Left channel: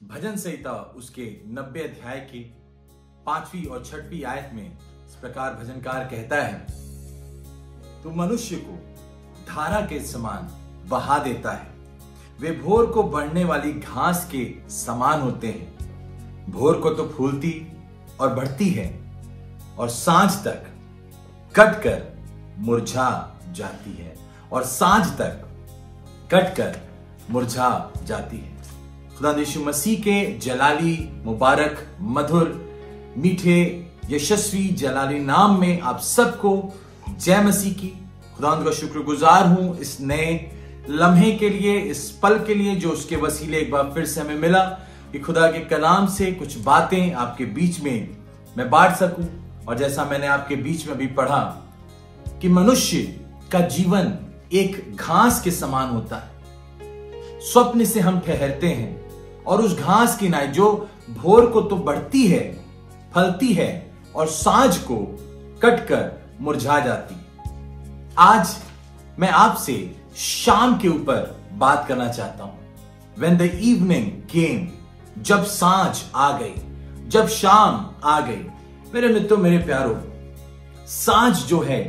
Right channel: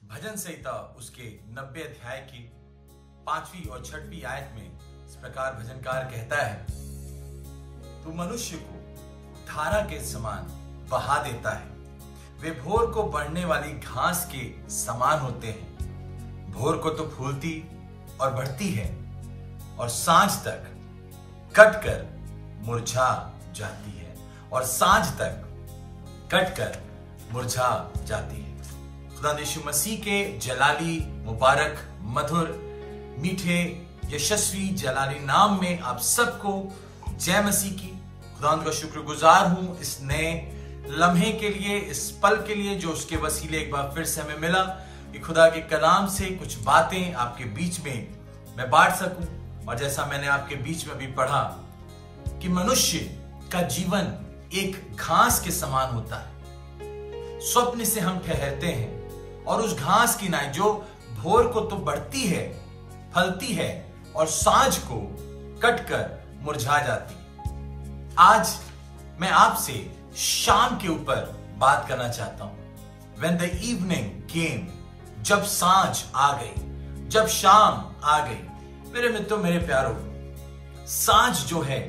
भजन संहिता उसके 90 अध्याय की 5वीं और 6वीं आयत में इस प्रकार भजनकार कहता है, तू मनुष्य को धारा के समान बहा देता है, वे भोर को बढ़ने वाली घास के समान होते हैं। भोर को तो फूलती और बढ़ती है और सांझ तक कटकर मुरझा जाती है, और सांझ तक कटकर मुरझा जाती है। खुदा यीशु मसीह के जलाली, मुबारक, मधुर, मीठे, यशस्वी जलाली नाम में आप सबको जय मसीह की। खुदा का शुक्रगुजार हूं इस नए लम्हे के लिए, इस पल के लिए जो उसके वसीले एक बार फिर से हमें मिला कि खुदा के कलाम से कुछ बातें आपके बीच में मैं बांट सकूं। और जैसा मैंने आपके बीच में भी पढ़ा कि मनुष्य का जीवन एक घास के समान होता है। स्वप्न से हम ठहरते हैं और उस घास की नाई जो भोर को तो बढ़ती है, फलती है और सांझ को कटकर मुरझा जाती है। आज मैं आपसे शाम के ऊपर बात करना चाहता हूं। When the evening came, जब सांझ आ गई, जब शाम आ गई। मेरे मित्रों, मेरे प्यारों, सांझ जो है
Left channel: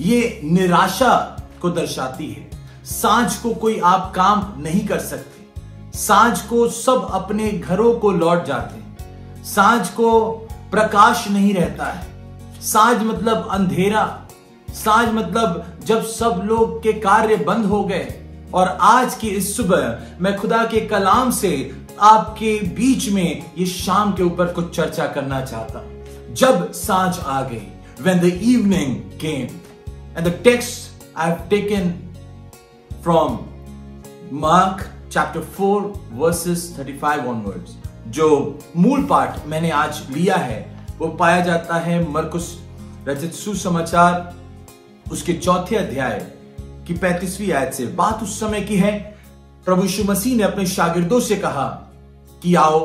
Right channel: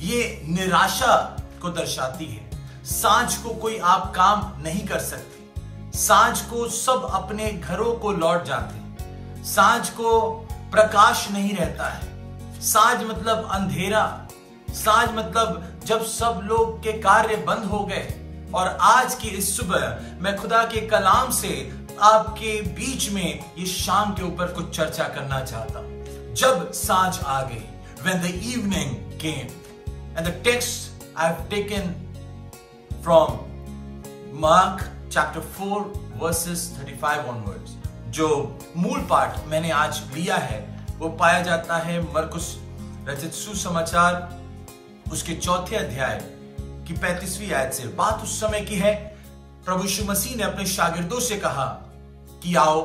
ये निराशा को दर्शाती है। सांझ को कोई आप काम नहीं कर सकते। सांझ को सब अपने घरों को लौट जाते हैं। सांझ को प्रकाश नहीं रहता है। सांझ मतलब अंधेरा। सांझ मतलब जब सब लोग के कार्य बंद हो गए। और आज की इस सुबह मैं खुदा के कलाम से आपके बीच में ये शाम के ऊपर कुछ चर्चा करना चाहता हूं। जब सांझ आ गई, when the evening came, and the text I've taken from Mark chapter 4 verses 35 onwards। जो मूल पाठ मैंने आज लिया है वो पाया जाता है मरकुस रचित सुसमाचार उसके 4थे अध्याय की 35वीं आयत से। बात उस समय की है, प्रभु यीशु मसीह ने अपने शागिर्दों से कहा कि आओ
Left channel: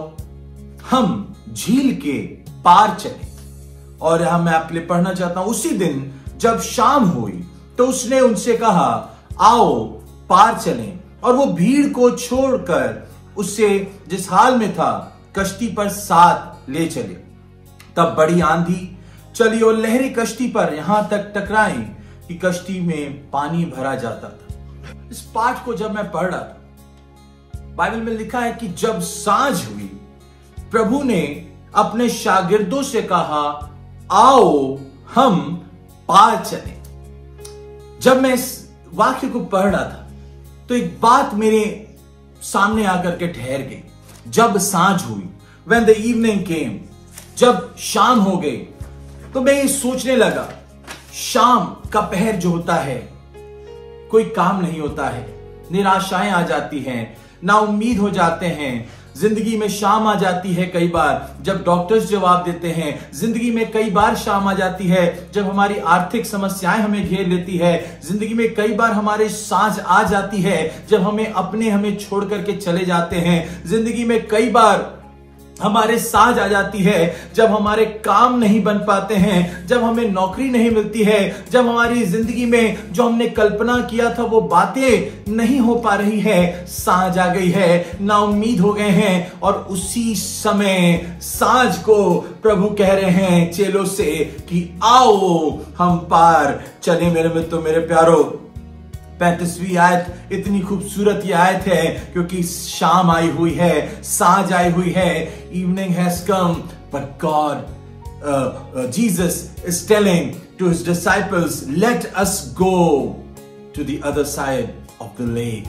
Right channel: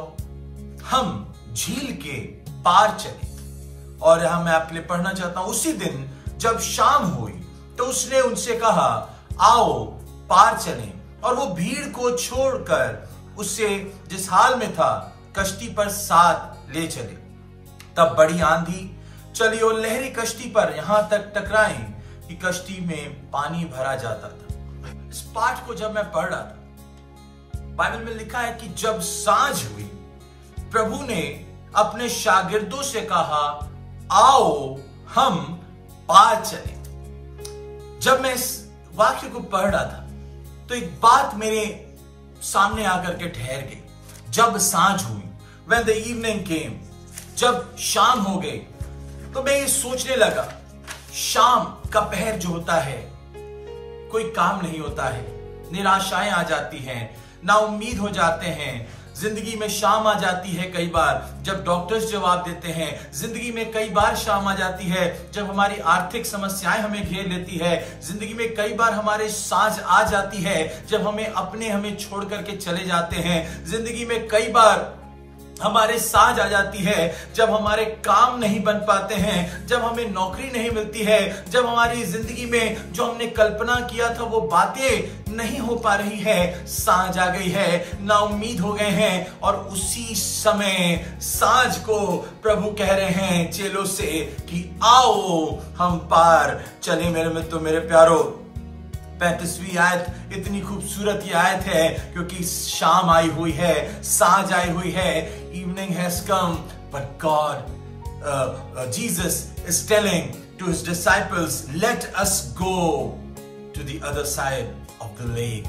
हम झील के पार चले। और यहां मैं आपके लिए पढ़ना चाहता हूं, उसी दिन जब शाम हुई तो उसने उनसे कहा, आओ पार चलें। और वो भीड़ को छोड़कर उससे जिस हाल में था कश्ती पर साथ ले चले। तब बड़ी आंधी चली और लहरें कश्ती पर यहां तक टकराई कि कश्ती में पानी भरा जाता था। इस पाठ को जब मैं पढ़ रहा था, बाइबल में लिखा है कि जब सांझ हुई, प्रभु ने अपने शागिर्दों से कहा, आओ हम पार चलें। जब मैं इस वाक्य को पढ़ रहा था तो एक बात मेरे सामने आकर के ठहर गई। जब सांझ हुई, when the evening came, जब शाम हो गई, तो मैं ये सोचने लगा, शाम का पहर जो होता है, कोई काम नहीं होता है, निराशाएं आ जाती हैं, नाउम्मीद हो जाते हैं। जिंदगी में शाम आ जाती है कई बार जब डॉक्टर्स जवाब देते हैं। जिंदगी में कई बार शाम आ जाती है जब हमारी आर्थिक समस्याएं हमें घेर लेती है। जिंदगी में कई बार हमारे सांझ आ जाती है जब हमें छोड़ करके चले जाते हैं। जिंदगी में कई बार हमारे सांझ आ जाती है जब हमारे काम नहीं बन पाते हैं, जब हमें नौकरी नहीं मिलती है, जब हमारी जिंदगी में जो हमने कल्पना किया था वो बातें नहीं हो पा रही है। सांझ आ गई है, नाउम्मीद हो गए हैं। और उसी समय सांझ को प्रभु कह रहे हैं चेलों से कि आओ हम पार चले। मेरे मित्रों, मेरे प्यारों, 35वीं आयत इतनी खूबसूरत ये आयत है क्योंकि शाम आई हुई है, सांझ आई हुई है। Evening has come, but God Jesus is telling to his disciples, let us go to the other side of the lake.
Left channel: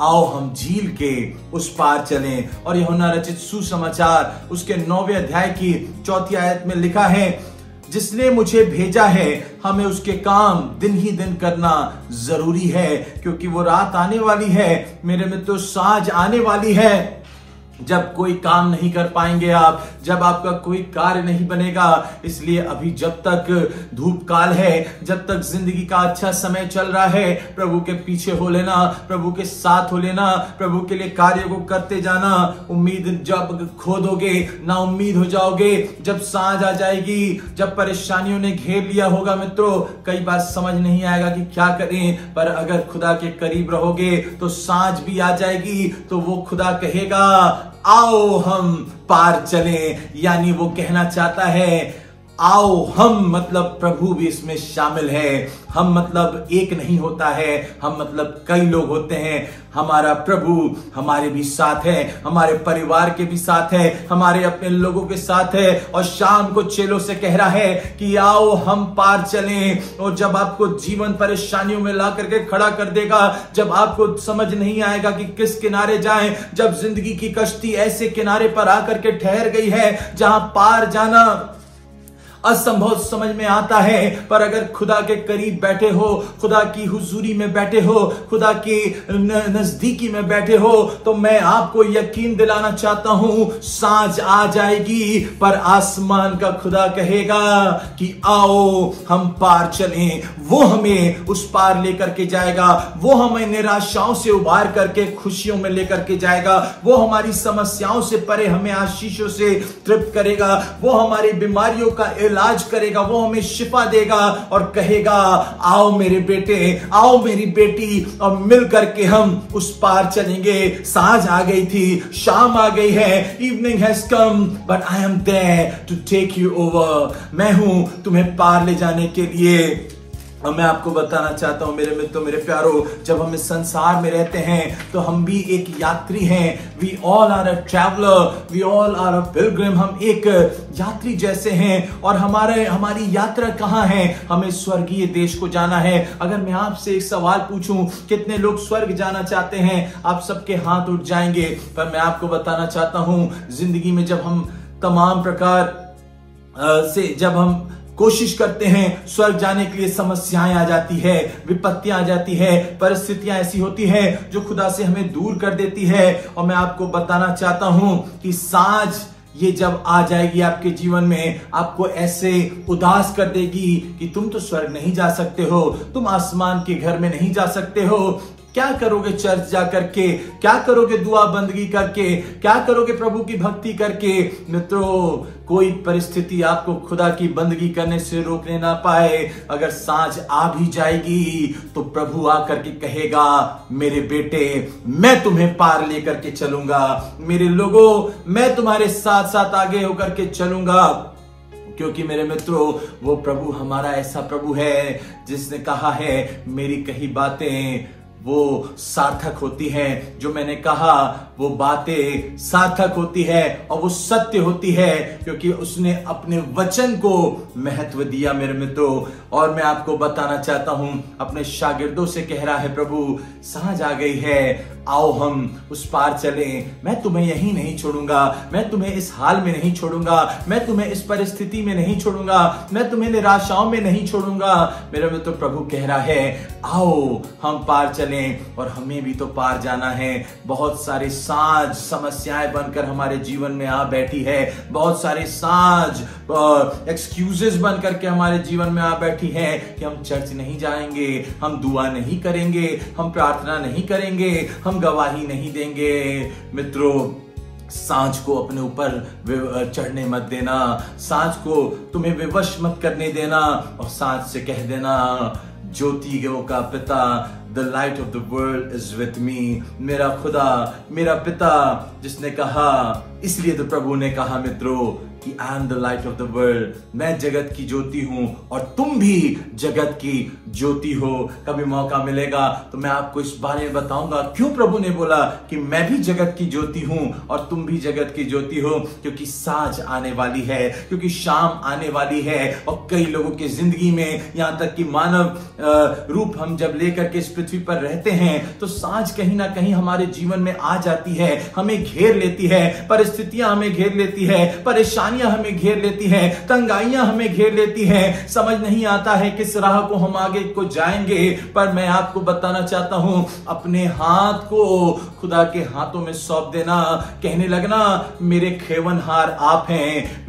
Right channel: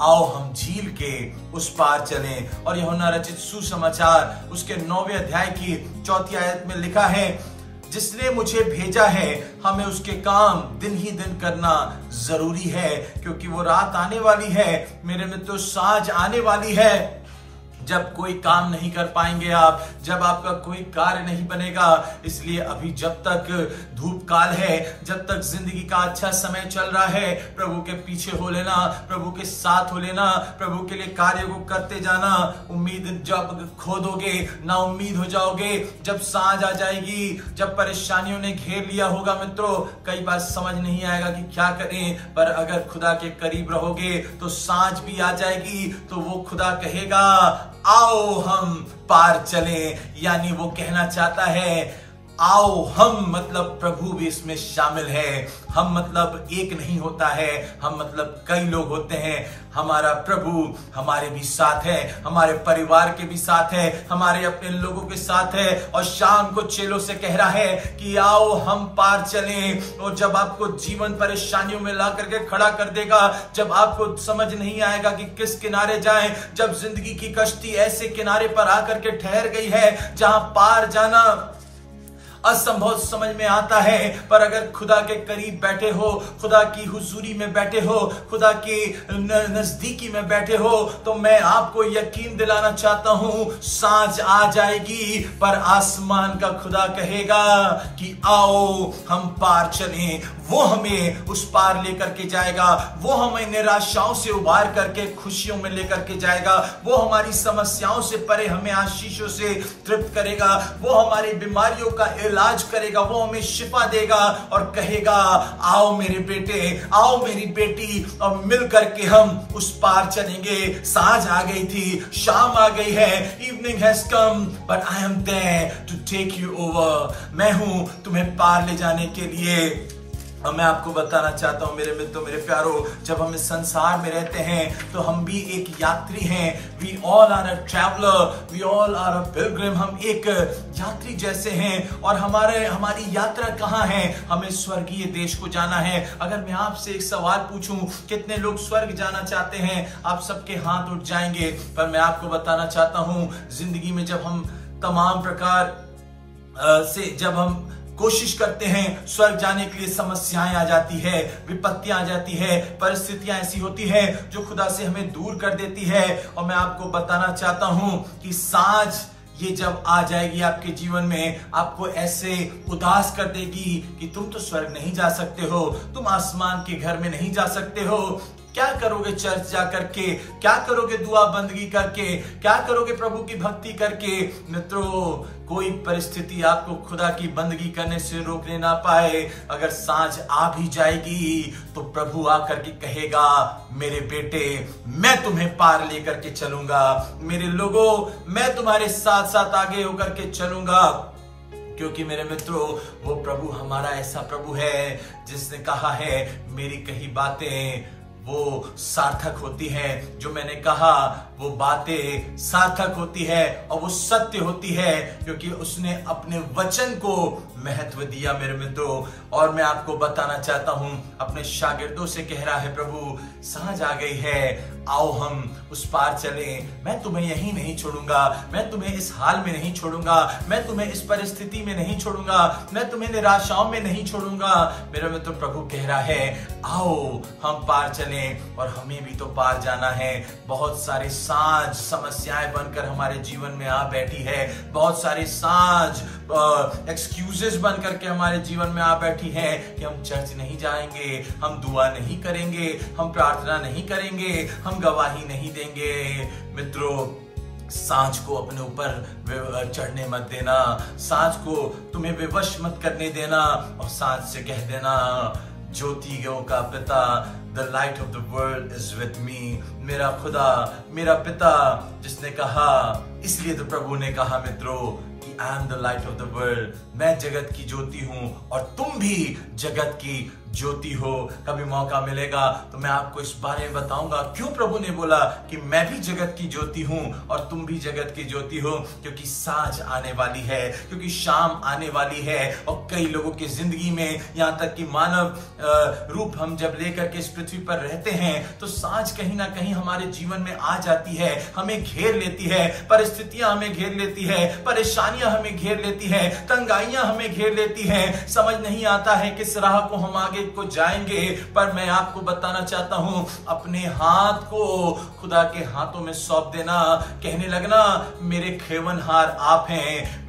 आओ हम झील के उस पार चलें। और यूहन्ना रचित सुसमाचार उसके 9वें अध्याय की 4थी आयत में लिखा है, जिसने मुझे भेजा है हमें उसके काम दिन ही दिन करना जरूरी है, क्योंकि वो रात आने वाली है। मेरे मित्रों, सांझ आने वाली है जब कोई काम नहीं कर पाएंगे आप, जब आपका कोई कार्य नहीं बनेगा। इसलिए अभी जब तक धूप काल है, जब तक जिंदगी का अच्छा समय चल रहा है, प्रभु के पीछे हो लेना, प्रभु के साथ हो लेना, प्रभु के लिए कार्य को करते जाना। उम्मीद जब खो दोगे, ना उम्मीद हो जाओगे। जब सांझ आ जाएगी, जब परेशानियों ने घेर लिया होगा मित्रों, कई बार समझ नहीं आएगा कि क्या करें। पर अगर खुदा के करीब रहोगे तो सांझ भी आ जाएगी, तो वो खुदा कहेगा आओ हम पार चलें, यानी वो कहना चाहता है आओ हम, मतलब प्रभु भी इसमें शामिल है। हम मतलब एक नहीं होता है, हम मतलब कई लोग होते हैं। हमारा प्रभु हमारे भी साथ है, हमारे परिवार के भी साथ है, हमारे अपने लोगों के साथ है। और शाम को चेलों से कह रहा है कि आओ हम पार चलें। और जब आपको जीवन परेशानियों में ला करके खड़ा कर देगा, जब आपको समझ नहीं आएगा कि किस किनारे जाएं, जब जिंदगी की कश्ती ऐसे किनारे पर आकर के ठहर गई है जहां पार जाना असंभव समझ में आता है, पर अगर खुदा के करीब बैठे हो, खुदा की हुजूरी में बैठे हो, खुदा की नजदीकी में बैठे हो, तो मैं आपको यकीन दिलाना चाहता हूं सांझ आ जाएगी, पर आसमान का खुदा कहेगा कि आओ हम पार चलें। वो हमें उस पार लेकर के जाएगा, वो हमें निराशाओं से उबार करके खुशियों में लेकर के जाएगा, वो हमारी समस्याओं से परे हमें आशीषों से तृप्त करेगा, वो हमारी बीमारियों का इलाज करेगा, वो हमें शिफा देगा और कहेगा आओ मेरे बेटे, आओ मेरी बेटी, और मिल करके हम उस पार चलेंगे। सांझ आ गई थी, शाम आ गई है, evening has come, but I am there to take you over. मैं हूं तुम्हें पार ले जाने के लिए। और मैं आपको बताना चाहता हूं मेरे मित्रों, मेरे प्यारो, जब हम इस संसार में रहते हैं तो हम भी एक यात्री हैं। We all are a traveller, we all are a pilgrim. हम एक यात्री जैसे हैं और हमारी यात्रा कहाँ है? हमें स्वर्गीय देश को जाना है। अगर मैं आपसे एक सवाल पूछूं, कितने लोग स्वर्ग जाना चाहते हैं? आप सबके हाथ उठ जाएंगे। पर मैं आपको बताना चाहता हूं, जिंदगी में जब हम तमाम प्रकार से जब हम कोशिश करते हैं स्वर्ग जाने के लिए, समस्याएं आ जाती है, विपत्तियां आ जाती है, परिस्थितियां ऐसी होती है जो खुदा से हमें दूर कर देती है। और मैं आपको बताना चाहता हूं कि सांझ ये जब आ जाएगी आपके जीवन में, आपको ऐसे उदास कर देगी कि तुम तो स्वर्ग नहीं जा सकते हो, तुम आसमान के घर में नहीं जा सकते हो। क्या करोगे चर्च जा करके? क्या करोगे दुआ बंदगी करके? क्या करोगे प्रभु की भक्ति करके? मित्रों, कोई परिस्थिति आपको खुदा की बंदगी करने से रोकने ना पाए। अगर सांझ आ भी जाएगी तो प्रभु आकर के कहेगा मेरे बेटे, मैं तुम्हें पार लेकर के चलूंगा, मेरे लोगों, मैं तुम्हारे साथ साथ आगे होकर के चलूंगा। क्योंकि मेरे मित्रों, वो प्रभु हमारा ऐसा प्रभु है जिसने कहा है मेरी कही बातें वो सार्थक होती हैं। जो मैंने कहा वो बातें सार्थक होती है और वो सत्य होती है, क्योंकि उसने अपने वचन को महत्व दिया मेरे मित्रों। और मैं आपको बताना चाहता हूं, अपने शागिर्दों से कह रहा है प्रभु, सांझ आ गई है, आओ हम उस पार चलें। मैं तुम्हें यहीं नहीं छोड़ूंगा, मैं तुम्हें इस हाल में नहीं छोड़ूंगा, मैं तुम्हें इस परिस्थिति में नहीं छोड़ूंगा, मैं तुम्हें निराशाओं में नहीं छोड़ूंगा। मेरा मित्र प्रभु कह रहा है आओ हम पार चलें। और हमें भी तो पार जाना है। बहुत सारी सांझ समस्याएं बनकर हमारे जीवन में आ बैठी है, बहुत सारे सांझ एक्सक्यूजेस बन करके हमारे जीवन में आ बैठी है कि हम चर्च नहीं जाएंगे, हम दुआ नहीं करेंगे, हम प्रार्थना नहीं करेंगे, हम गवाही नहीं देंगे। मित्रों, सांझ को अपने ऊपर चढ़ने मत देना, सांझ को तुम्हें विवश मत करने देना, और सांझ से कह देना ज्योतियों का पिता, the light of the world is with me. मेरा खुदा, मेरा पिता जिसने कहा, इसलिए तो प्रभु ने कहा मित्रों कि I am the light of the world, मैं जगत की ज्योति हूं और तुम भी जगत की ज्योति हो। कभी मौका मिलेगा तो मैं आपको इस बारे में बताऊंगा क्यों प्रभु ने बोला कि मैं भी जगत की ज्योति हूं और तुम भी जगत की ज्योति हो। क्योंकि सांझ आने वाली है, क्योंकि शाम आने वाली है, और कई लोगों की जिंदगी में, यहां तक कि मानव रूप हम जब लेकर के इस पृथ्वी पर रहते हैं तो सांझ कहीं ना कहीं हमारे जीवन में आ जाती है, हमें घेर लेती है, परिस्थितियां हमें घेर लेती है, परेशानियां हमें घेर लेती है, तंगाइयां हमें घेर लेती है। समझ नहीं आता है किस राह को हम आगे को जाएंगे। पर मैं आपको बताना चाहता हूं, अपने हाथ को खुदा के हाथों में सौंप देना, कहने लगना मेरे खेवनहार आप हैं,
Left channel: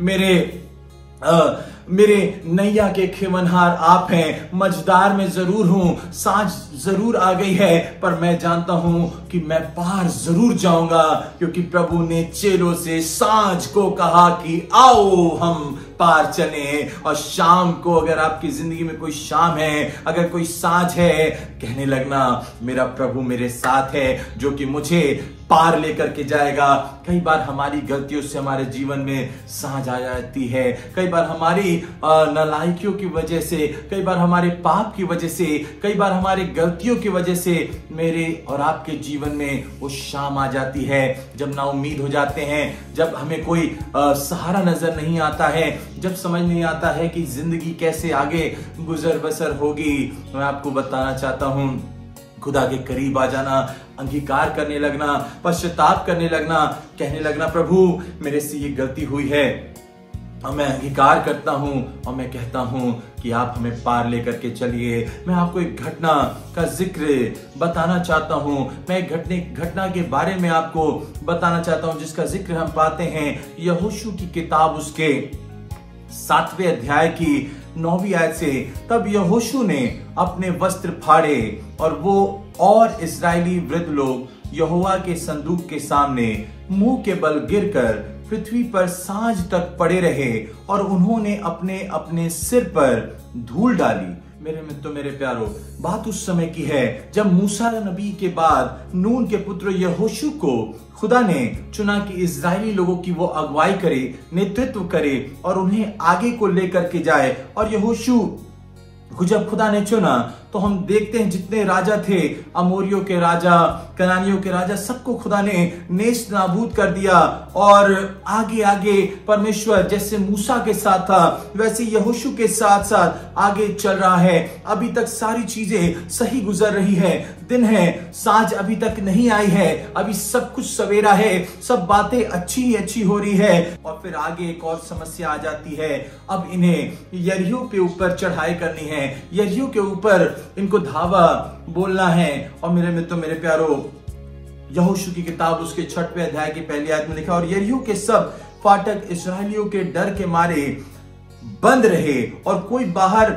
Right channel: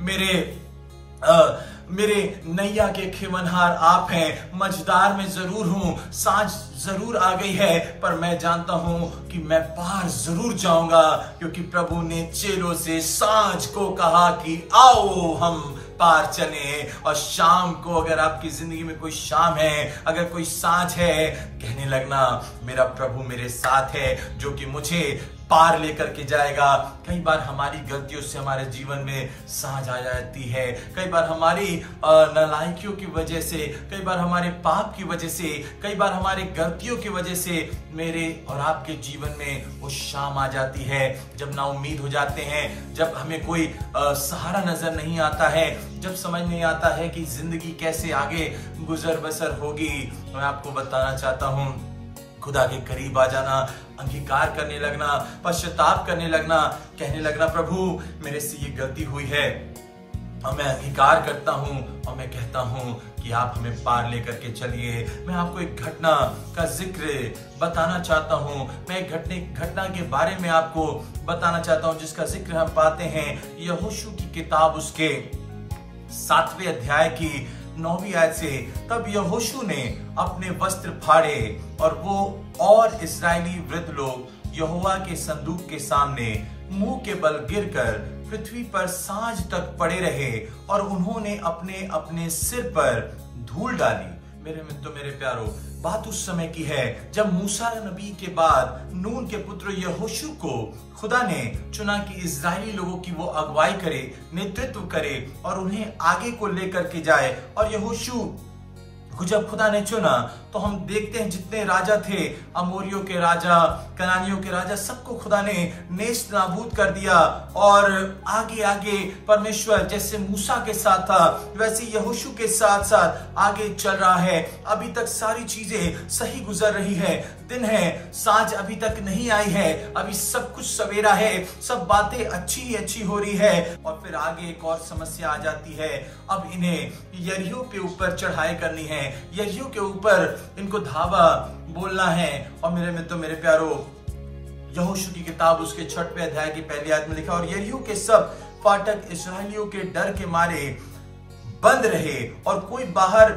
मेरे नैया के खेवनहार आप हैं। मझदार में जरूर हूं, सांझ जरूर आ गई है, पर मैं जानता हूं कि मैं पार जरूर जाऊंगा, क्योंकि प्रभु ने चेलों से सांझ को कहा कि आओ हम पार चले। और शाम को अगर आपकी जिंदगी में कोई शाम है, अगर कोई सांझ है, कहने लगना मेरा प्रभु मेरे साथ है जो कि मुझे पार लेकर के जाएगा। कई बार हमारी गलतियों से हमारे जीवन में सांझ आ जाती है, कई बार हमारी नालायकियों की वजह से, कई बार हमारे पाप की वजह से, कई बार हमारी गलतियों की वजह से मेरे और आपके जीवन में वो शाम आ जाती है जब ना उम्मीद हो जाते हैं, जब हमें कोई सहारा नजर नहीं आता है, जब समझ नहीं आता है कि जिंदगी कैसे आगे गुजर बसर होगी। मैं आपको बताना चाहता हूं, खुदा के करीब आ जाना, अंगीकार करने लगना, पश्चाताप करने लगना, कहने लगना प्रभु मेरे से ये गलती हुई है और मैं अंगीकार करता हूं और मैं कहता हूं कि आप हमें पार लेकर के चलिए। मैं आपको एक घटना का जिक्र बताना चाहता हूं, मैं एक घटना के बारे में आपको बताना चाहता हूं जिसका जिक्र हम पाते हैं यहोशू की किताब उसके 7वें अध्याय की 9वीं आयत से। तब यहोशू ने अपने वस्त्र फाड़े और वो और इस्राएली वृद्ध लोग यहोवा के संदूक के सामने मुंह के बल गिरकर पृथ्वी पर सांझ तक पड़े रहे और उन्होंने अपने अपने सिर पर धूल डाली। मेरे मित्रों, मेरे प्यारो, बात उस समय की है जब मूसा नबी के बाद नून के पुत्र यहोशू को खुदा ने चुना कि इजरायली लोगों की वो अगुवाई करे, नेतृत्व करे और उन्हें आगे को लेकर के जाए। और यहोशू को जब खुदा ने चुना तो हम देखते हैं जितने राजा थे, अमोरियों के राजा, कनानियों के राजा, सबको खुदा ने नेस्त नाबूद कर दिया। और आगे आगे परमेश्वर जैसे मूसा के साथ था वैसे यहोशू के साथ साथ आगे चल रहा है। अभी तक सारी चीजें सही गुजर रही है, दिन है, सांझ अभी तक नहीं आई है, अभी सब कुछ सवेरा है, सब बातें अच्छी ही अच्छी हो रही है। और फिर आगे एक और समस्या आ जाती है। अब इन्हें यरीहो के ऊपर चढ़ाई करनी है, यरीहो के ऊपर इनको धावा बोलना है। और मेरे मित्रों, मेरे प्यारो, यहोशू की किताब उसके 6वें अध्याय की पहली आयत में लिखा, और यरीहो के सब फाटक इस्राएलियों के डर के मारे बंद रहे और कोई बाहर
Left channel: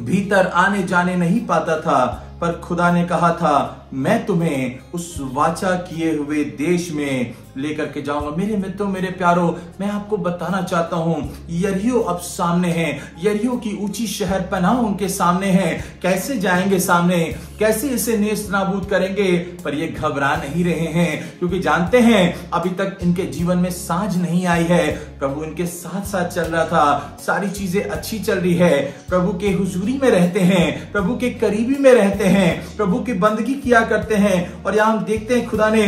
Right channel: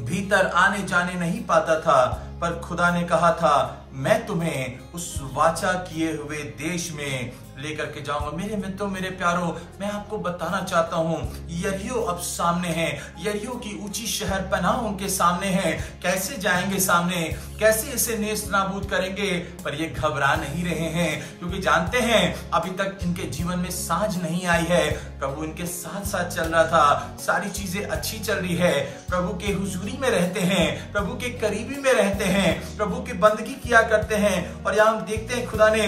भीतर आने जाने नहीं पाता था। पर खुदा ने कहा था मैं तुम्हें उस वाचा किए हुए देश में लेकर के जाऊंगा। मेरे मित्रों, मेरे प्यारो, मैं आपको बताना चाहता हूं यरीहो अब सामने है, यरीहो की ऊंची शहर पनाह उनके सामने है। कैसे जाएंगे सामने, कैसे इसे नेस्त नाबूद करेंगे? पर ये घबरा नहीं रहे हैं क्योंकि जानते हैं अभी तक इनके जीवन में सांझ नहीं आई है। प्रभु इनके साथ साथ चल रहा था, सारी चीजें अच्छी चल रही है, प्रभु के हुजूरी में रहते हैं, प्रभु के करीबी में रहते हैं, प्रभु की बंदगी किया करते हैं। और यहां हम देखते हैं खुदा ने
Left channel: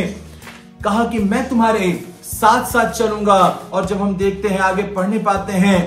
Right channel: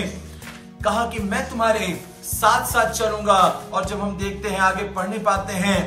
कहा कि मैं तुम्हारे साथ साथ चलूंगा। और जब हम देखते हैं आगे पढ़ने पाते हैं,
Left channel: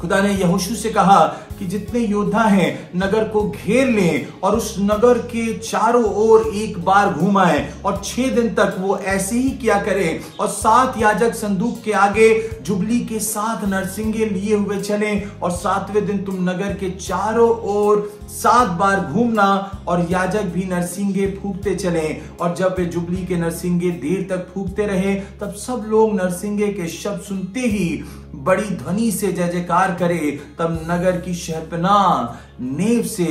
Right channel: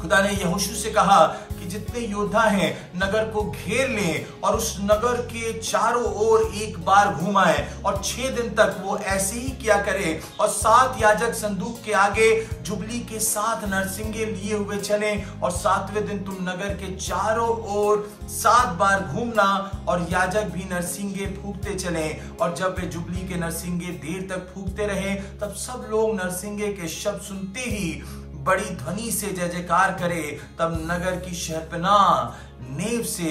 खुदा ने यहोशू से कहा कि जितने योद्धा हैं नगर को घेर लें और उस नगर के चारों ओर एक बार घुमाएं और 6 दिन तक वो ऐसे ही किया करें। और 7 याजक संदूक के आगे जुबली के 7 नरसिंगे लिए हुए चलें और 7वें दिन तुम नगर के चारों ओर 7 बार घूमना और याजक भी नरसिंगे फूंकते चलें। और जब वे जुबली के नरसिंगे देर तक फूंकते रहे तब सब लोग नरसिंगे के शब्द सुनते ही बड़ी ध्वनि से जय जयकार करे, तब नगर की शहरपनाह नेव से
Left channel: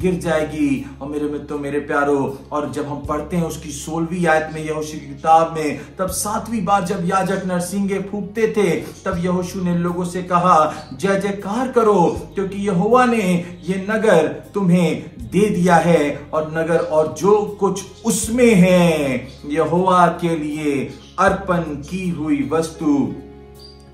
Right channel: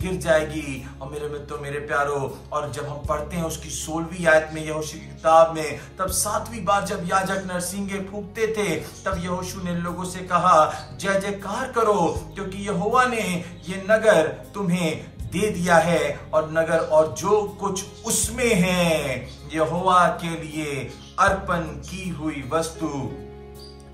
गिर जाएगी। और मेरे मित्रों, मेरे प्यारो, और जब हम पढ़ते हैं उसकी 16वीं आयत में यहोशू की किताब में, तब 7वीं बार जब याजक नरसिंगे फूंकते थे तब यहोशू ने लोगों से कहा जय जयकार करो क्योंकि यहोवा ने ये नगर तुम्हें दे दिया है और नगर और जो कुछ उसमें है यहोवा के लिए अर्पण की हुई वस्तु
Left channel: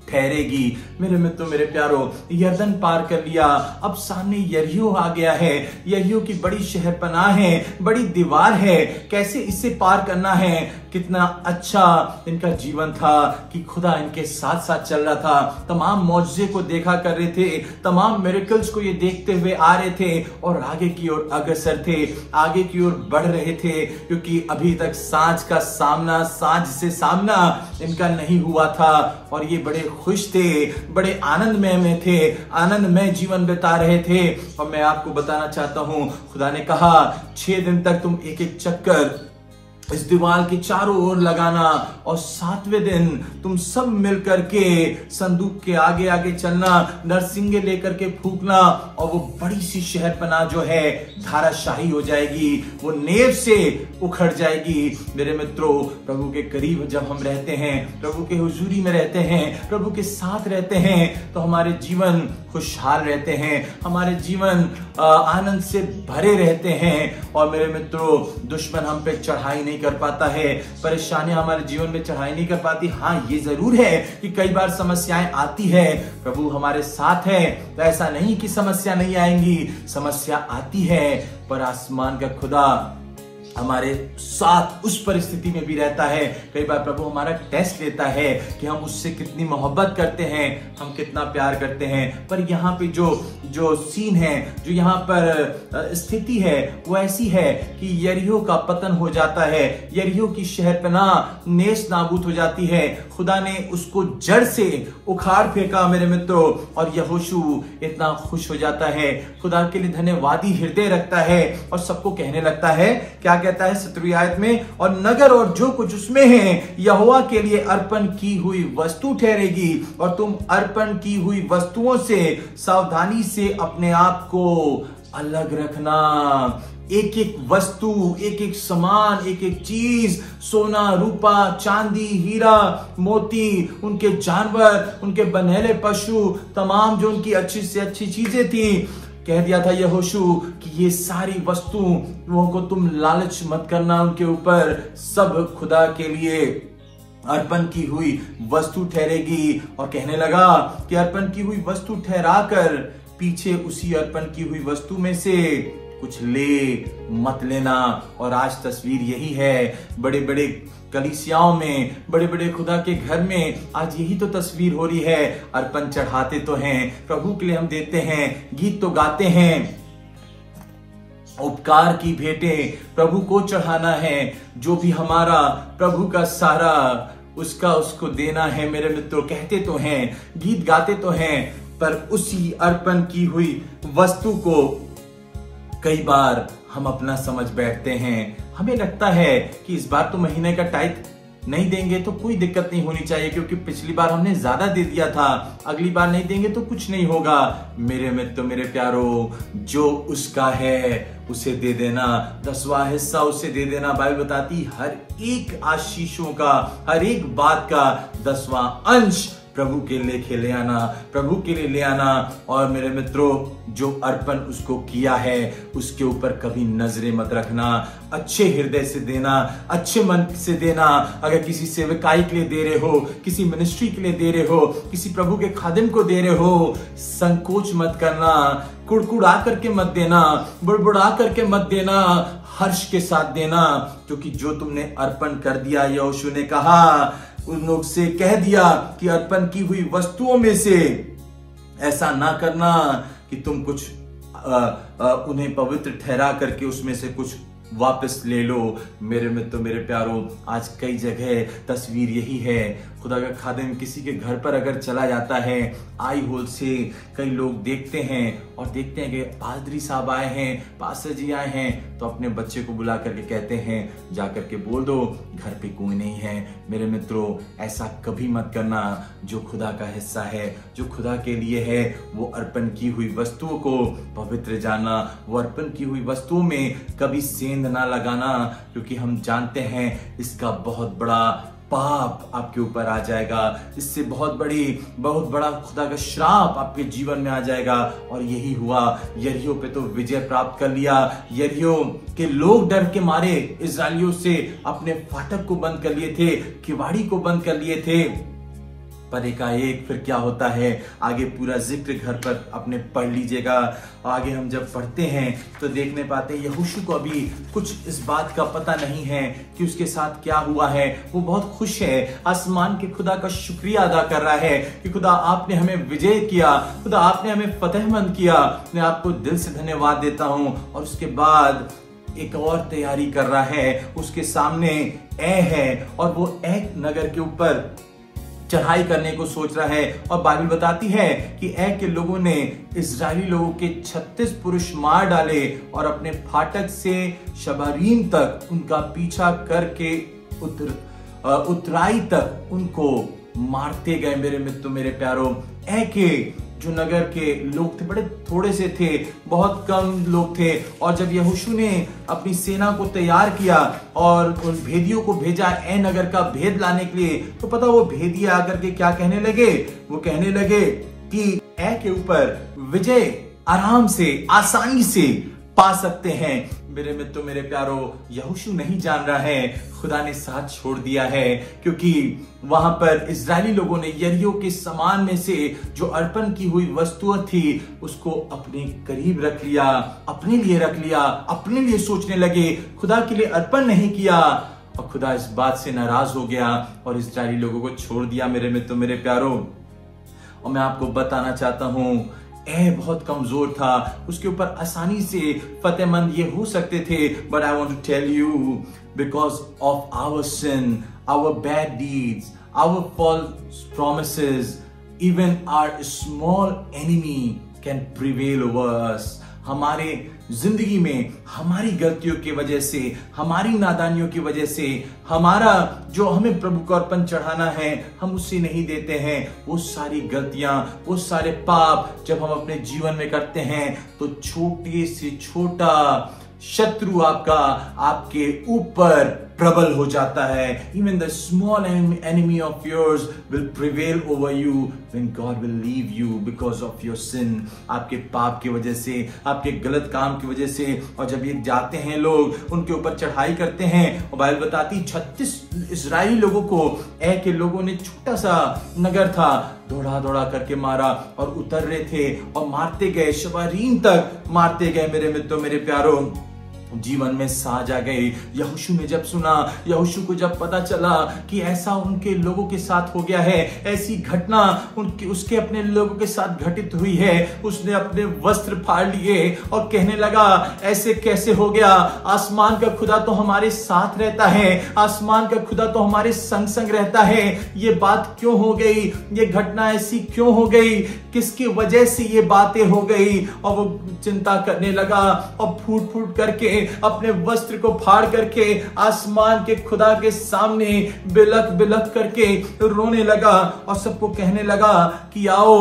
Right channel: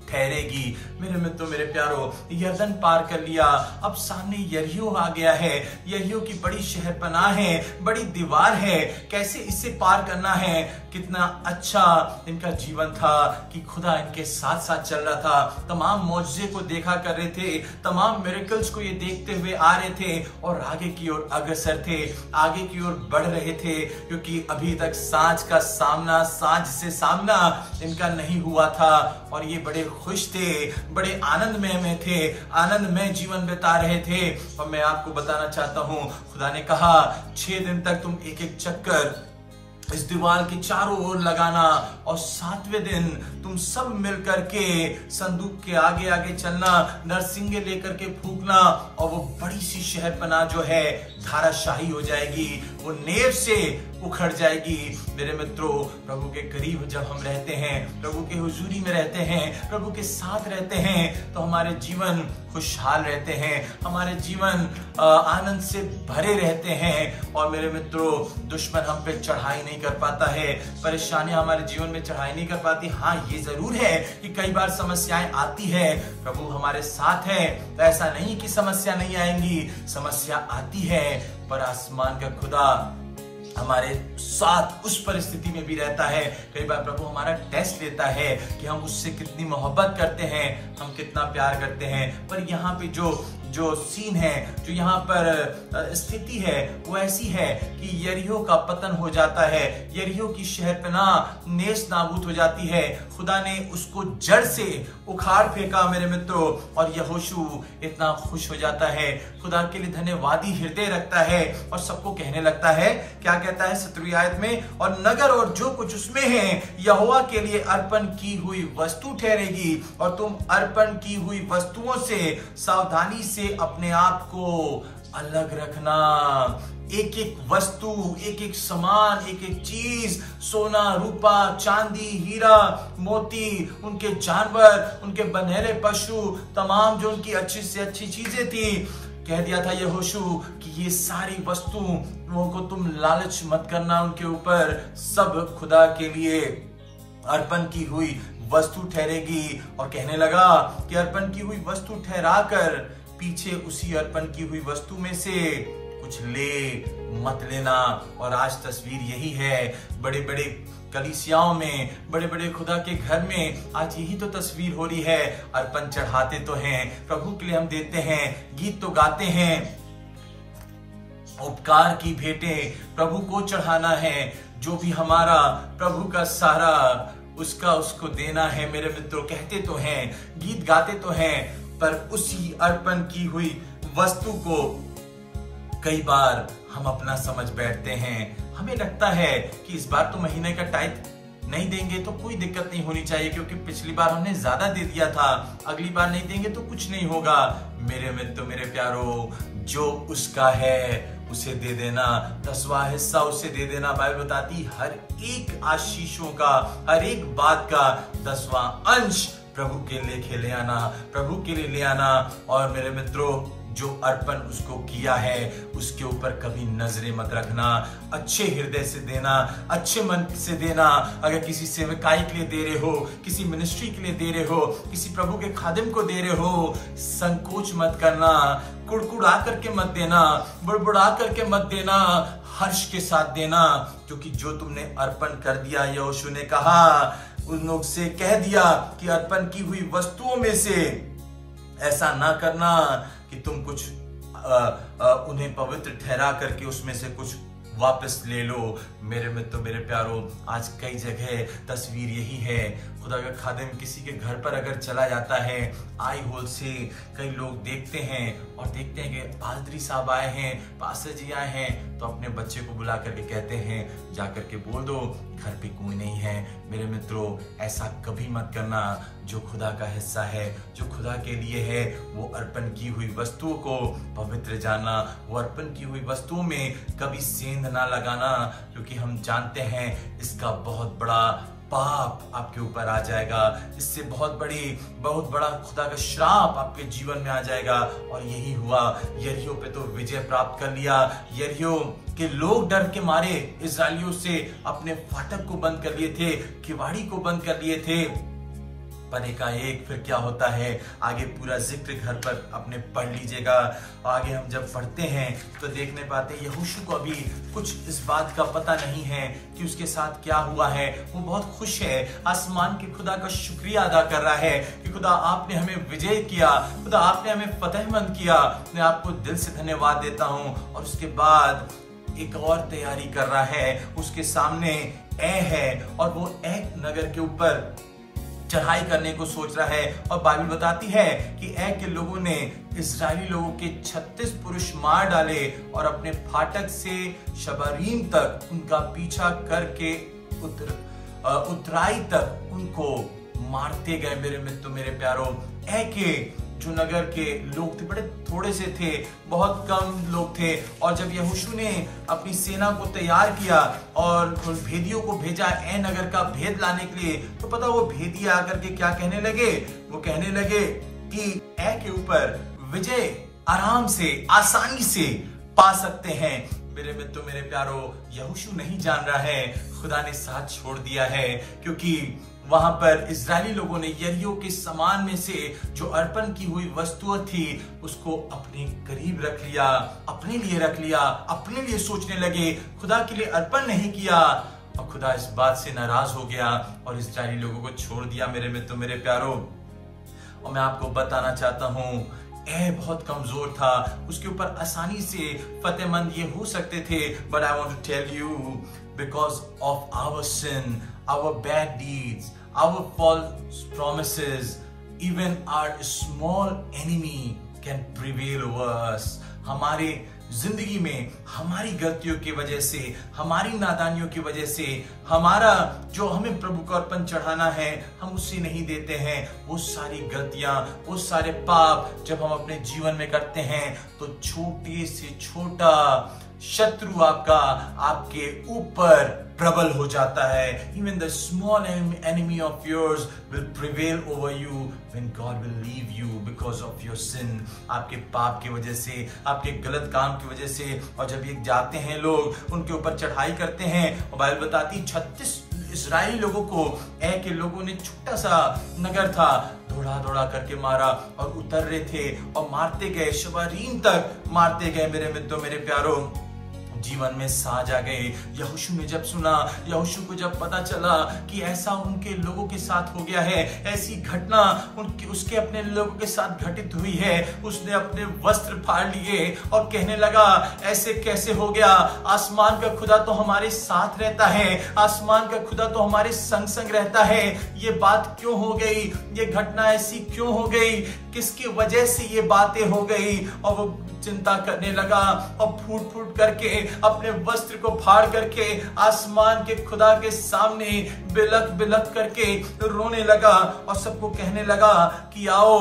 ठहरेगी। मेरे मित्रों, मेरे प्यारो, यरदन पार कर लिया, अब सामने यरीहो आ गया है। यरीहो की बड़ी शहरपनाह है, बड़ी दीवार है, कैसे इससे पार करना है। कितना अच्छा इनका जीवन था कि खुदा इनके साथ साथ चल रहा था, तमाम मौजज़े को देखा कर रहे थे, तमाम मिरेकल्स को ये देखते हुए आ रहे थे और आगे की ओर अग्रसर थे, आगे की ओर बढ़ रहे थे क्योंकि अभी तक सांझ से सामना इनका नहीं हुआ था। और ये बड़े खुश थे, बड़े आनंदमय में थे, आनंदमय जीवन बिता रहे थे। और मैं आपको बताना चाहता हूं खुदा ने कहा 6 दिन तक तुम एक एक चक्कर इस दीवार के चारों ओर लगाना और 7वें दिन तुम सब मिलकर के संदूक के आगे आगे चलना, नरसिंगे लेकर के फूंकना और वो बड़ी सी शहर बना जो है धाराशाही हो जाएगी, वो नेव से उखड़ जाएगी। मेरे मित्रों, प्रभु के करीब जब हम रहते हैं, प्रभु के हुजूरी में रहते हैं, प्रभु के साथ रहते हैं, तो हमारे जीवन खुशहाल रहते हैं, हमारे जीवन आनंद से भरे रहते हैं। और मेरे मित्रों, दुश्मन हम पे चढ़ाई नहीं कर पाता है, परेशानियां हमारे जीवन में चढ़ाई नहीं कर पाती। हाँ, ये जरूर है कि कई बार समस्याएं आती है, प्रभु हमारे साथ है तो ऐसा नहीं कि समस्या नहीं आएंगी, समस्या आती है, पर आसमान का खुदा हमारे साथ उस परिस्थिति में भी रहता है। कई बार प्रभु हमारा टेस्ट लेता है कि हम उससे कितनी मोहब्बत करते हैं, हम कितना प्यार करते हैं। पर यहाँ पे जो सीन है, जो यहाँ पर स्थिति है, वो ऐसी है कि यरीहो का पतन हो जाता है, यरीहो की शहरपना नेस नाबूद हो जाती है। खुदा ने उसको जड़ से उखाड़ फेंका मेरे मित्रों, और यहोशू इतना खुश हो जाता है, खुदा के लिए धन्यवादी हृदय रखता है और सबको कहने लगता है, क्या कहता है 17वीं आयत में, और नगर और जो कुछ उसमें है यहोवा के लिए अर्पण की हुई वस्तु ठहरेगी, और तुम अर्पण की हुई वस्तुओं से सावधानी से अपने आप को अलग रखना। एक एक वस्तु, एक एक सामान, एक एक चीज, सोना, रूपा, चांदी, हीरा, मोती, उनके जानवर, उनके बन्हेले पशु, तमाम जो उनकी अच्छी से अच्छी चीजें थी, कह दिया था यहोशू कि ये सारी वस्तुओं को तुम लालच मत करना उनके ऊपर, सब खुदा के लिए अर्पण की हुई वस्तु ठहरेगी। और कहने लगा कि अर्पण की हुई वस्तु ठहराकर पीछे उसी अर्पण की हुई वस्तु में से कुछ ले मत लेना। और आज तस्वीर यही है, बड़े बड़े कलीसियाओं में, बड़े बड़े खुदा के घर में आज यही तो तस्वीर हो रही है। अर्पण चढ़ाते तो हैं, प्रभु के लिए हम देते हैं, गीत तो गाते हैं, उपकार की भेंटें प्रभु को चढ़ाना है, जो भी हमारा प्रभु का सारा उसका उसको देना है। मेरे मित्रों, कहते तो हैं, गीत गाते तो हैं, पर उसी अर्पण की हुई वस्तु को कई बार हम अपना समझ बैठते हैं। हमें लगता है कि इस बार तो महीने का टाइथ नहीं देंगे तो कोई दिक्कत नहीं होनी चाहिए, क्योंकि पिछली बार हमने ज्यादा दे दिया था, अगली बार नहीं देंगे तो कुछ नहीं होगा। मेरे मित्र, मेरे प्यारो, जो उसका है उसे दे देना, 10वां हिस्सा उसे दे देना। बाइबल बताती हर एक आशीषों का, हर एक बात का 10वां अंश प्रभु के लेके ले आना, प्रभु के लिए ले आना। और मेरे मित्रों, जो अर्पण उसको किया है उसके ऊपर कभी नजरें मत रखना, अच्छे हृदय से देना, अच्छे मन से देना। अगर किसी सेवकाई के लिए दे रहे हो, किसी मिनिस्ट्री के लिए दे रहे हो, किसी प्रभु के खादिम को दे रहे हो, संकोच मत करना, कुड़कुड़ा करके मत देना, बुड़बुड़ा करके मत देना, हर्ष के साथ देना, क्योंकि जो तुमने अर्पण कर दिया, यहोशू ने कहा, उन लोग से कह दिया कि अर्पण की हुई वस्तुओं में से ऐसा ना करना कि तुम कुछ उन्हें पवित्र ठहरा करके उसमें से कुछ वापस ले लो। मेरे मित्रों, मेरे प्यारों, आज कई जगह तस्वीर यही है। खुदा का खादिम किसी के घर पर अगर चला जाता है, आई होल से कई लोग देखते हैं और देखते हैं कि पादरी साहब आए हैं, पास्टर जी आए हैं, तो अपने बच्चे को बुला करके कहते हैं, जाकर के बोल दो घर पे कोई नहीं है। मेरे मित्रों, ऐसा कभी मत करना। जो खुदा का हिस्सा है, जो खुदा के लिए है, वो अर्पण की हुई वस्तुओं को पवित्र जानना, वो अर्पण की हुई वस्तुओं में कभी सेंध ना लगाना, क्योंकि हम जानते हैं इसका बहुत बड़ा पाप आपके ऊपर आ जाएगा, इससे बहुत बड़ा खुदा का श्राप आपके जीवन में आ जाएगा। और यही हुआ, यरीहो पे तो विजय प्राप्त कर लिया। यरीहो के लोग डर के मारे इस्राएलियों से अपने फाटक को बंद कर लिए थे, किवाड़ी को बंद कर लिए थे। पर एकाएक फिर क्या होता है, आगे पूरा जिक्र घर पर अपने पढ़ लीजिएगा। आगे हम जब पढ़ते हैं तो देखने पाते हैं यहोशू को अभी कुछ इस बात का पता नहीं है कि उसके साथ क्या हुआ है। वो बहुत खुश है, आसमान के खुदा का शुक्रिया अदा कर रहा है कि खुदा आपने हमें विजय किया, खुदा आपने हमें फतेहमंद किया। मैं आपको दिल से धन्यवाद देता हूँ। और उसके बाद एक और तैयारी कर रहा है, उसके सामने ए है और वो ए नगर के ऊपर चढ़ाई करने को सोच रहा है। और बाइबल बताती है कि ए के लोगों ने इस्राएली लोगों के 36 पुरुष मार डाले और अपने फाटक से शबारीम तक उनका पीछा करके उतराई तक उनको मारते गए। मेरे मित्रों, मेरे प्यारों, के जो नगर के लोग थे बड़े थोड़े से थे, बहुत कम लोग थे। और जब यहोशू ने अपनी सेना को तैयार किया और उन भेदियों को भेजा नगर का भेद लाने के लिए, तो पता वो भेदिए आकर के क्या कहने लगे? वो कहने लगे कि के ऊपर विजय आराम से, आसानी से पा सकते हैं। मेरे मित्रों, मेरे प्यारों, यहोशू नहीं जान रहा है खुदा ने साथ छोड़ दिया है, क्योंकि वहां पर इजरायली लोगों ने यरीहो के सामान में से जो अर्पण की हुई वस्तुएं थी उसको अपने करीब रख लिया, अपने लिए रख लिया, अपने लिए सोचने लगे, खुदा के लिए अर्पण नहीं किया। और खुदा इस बात से नाराज हो गया और इजरायली लोगों को छोड़ दिया। मेरे मित्रों, मेरे प्यारों, और मैं आपको बताना चाहता हूं, बहुत कमजोर था, उसके ऊपर आसानी से फतेहमंद ये हो सकते थे। But I want to tell you, because of our sin, our bad deeds, our false promises, even our small enemy can prevail over us. हमारे जिंदगी में हमारी गलतियों की वजह से, हमारी नादानियों की वजह से, हमारा जो हमें प्रभु को अर्पण चढ़ाना है हम उससे नहीं देते हैं। वो सारी गलतियां, वो सारे पाप जब हम अपने जीवन में करते हैं तो छोटे से छोटा शत्रु आपके ऊपर प्रबल हो जाता है। Even the small enemy of yours will prevail over you when God will leave you because of your sin। आपके पाप की वजह से, आपके गलत काम की वजह से। और जब ये जाते हैं लोग, उनके ऊपर चढ़ाई करते हैं, और बाइबल बताती 36 इजरायली लोगों को के लोगों ने, छोटा सा नगर था, दौड़ा दौड़ा करके मारा और उतर रहे थे और मारते गए, शबारीम तक मारते गए। मेरे मित्रों, मेरे प्यारों, जीवन में साज आ गई। यहोशू ने जब सुना, यहोशू को जब पता चला कि ऐसा उनके लोगों के साथ हो गया है, ऐसी घटना उसके अपने लोगों के साथ घटित हुई है, उसने अपने वस्त्र फाड़ लिए और कहने लगा, ऐसे कैसे हो गया? आसमान का खुदा तो हमारे साथ रहता है, आसमान का खुदा तो हमारे संग संग रहता है। ये बात क्यों हो गई? ये घटना ऐसी क्यों हो गई? किसकी वजह से ये बातें हो गई? और वो चिंता करने लगा और फूट फूट करके अपने वस्त्र को फाड़ करके आसमान के खुदा के सामने बिलख बिलख करके रोने लगा और सबको कहने लगा कि आओ